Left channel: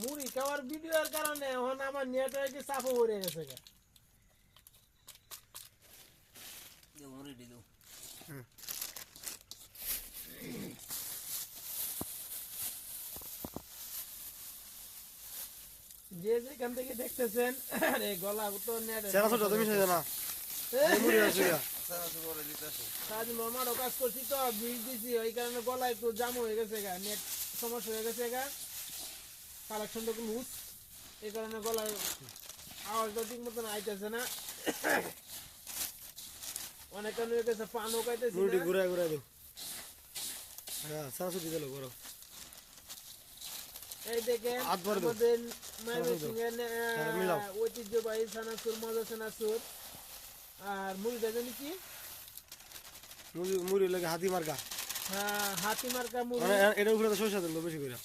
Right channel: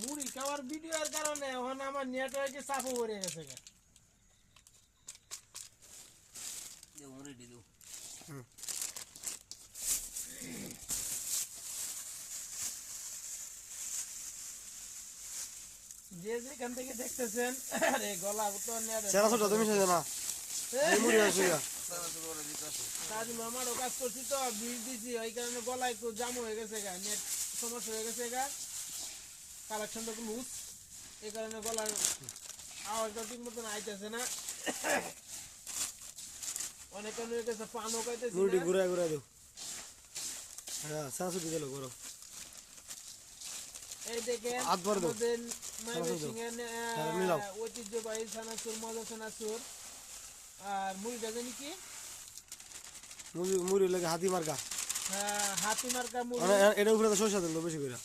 মুড়ি খাওয়ার ভিডিওর কারণে এখন আমার নেটওয়ার্কে চাপও পড়ে গেছে গা। মুড়ি দিলু যে যেখান থেকে দেখতেছেন আরে গলা তো নেট সেরা ছোট তুমি সেজে না এই মুড়ি আছে। সারা করে দিতেছে। কাজ মামারও কাজ করছি তো বীজ দিছি ওই কারণে গলা একটু জাম হয়ে গেছে গা নেট। সমস্যা হয়ে গেছে গা কালেকশনটা একটু লুজ এই কারণে গলায় আওয়াজটা ঠিক মতন আইতেছে না। অনেক কারণে গেছে পানও হ্যাঁ এই দেখেন হ্যাঁ। ঐতিহ্যবাহী সানাসুর মজা সানাসুর। আর মুড়িটা জানি কি? মুড়ি লাগে হাতি মার্কা। হ্যাঁ, হাতি মার্কা এটার উপরে তো সরষা দিল বেশি করে।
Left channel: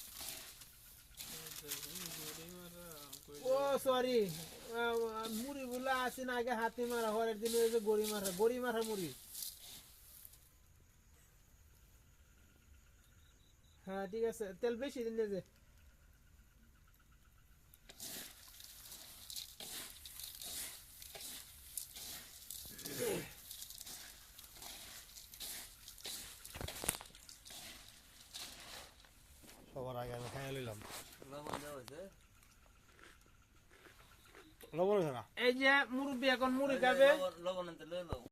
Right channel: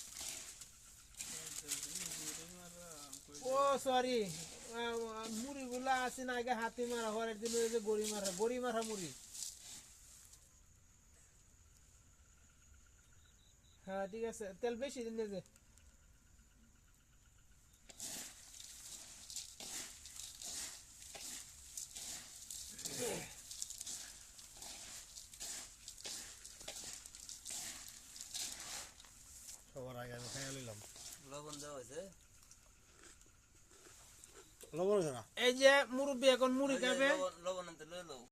ও সরি মুড়ি গুলা আছে না আগে হাতি মারা হরের দিন ওই যে গড়ি মারা গড়ি মারা মুড়ি। হ্যাঁ ঠিক আছে তেল বেশি দিন যে সবার আগে আমি খাই নিলাম। লবণ দেওয়া হয়েছে। লবণ হয়েছে না? এই যে মুরব্বী এখন মুড়ি খাবে। লবণ লবণ আনতে লও।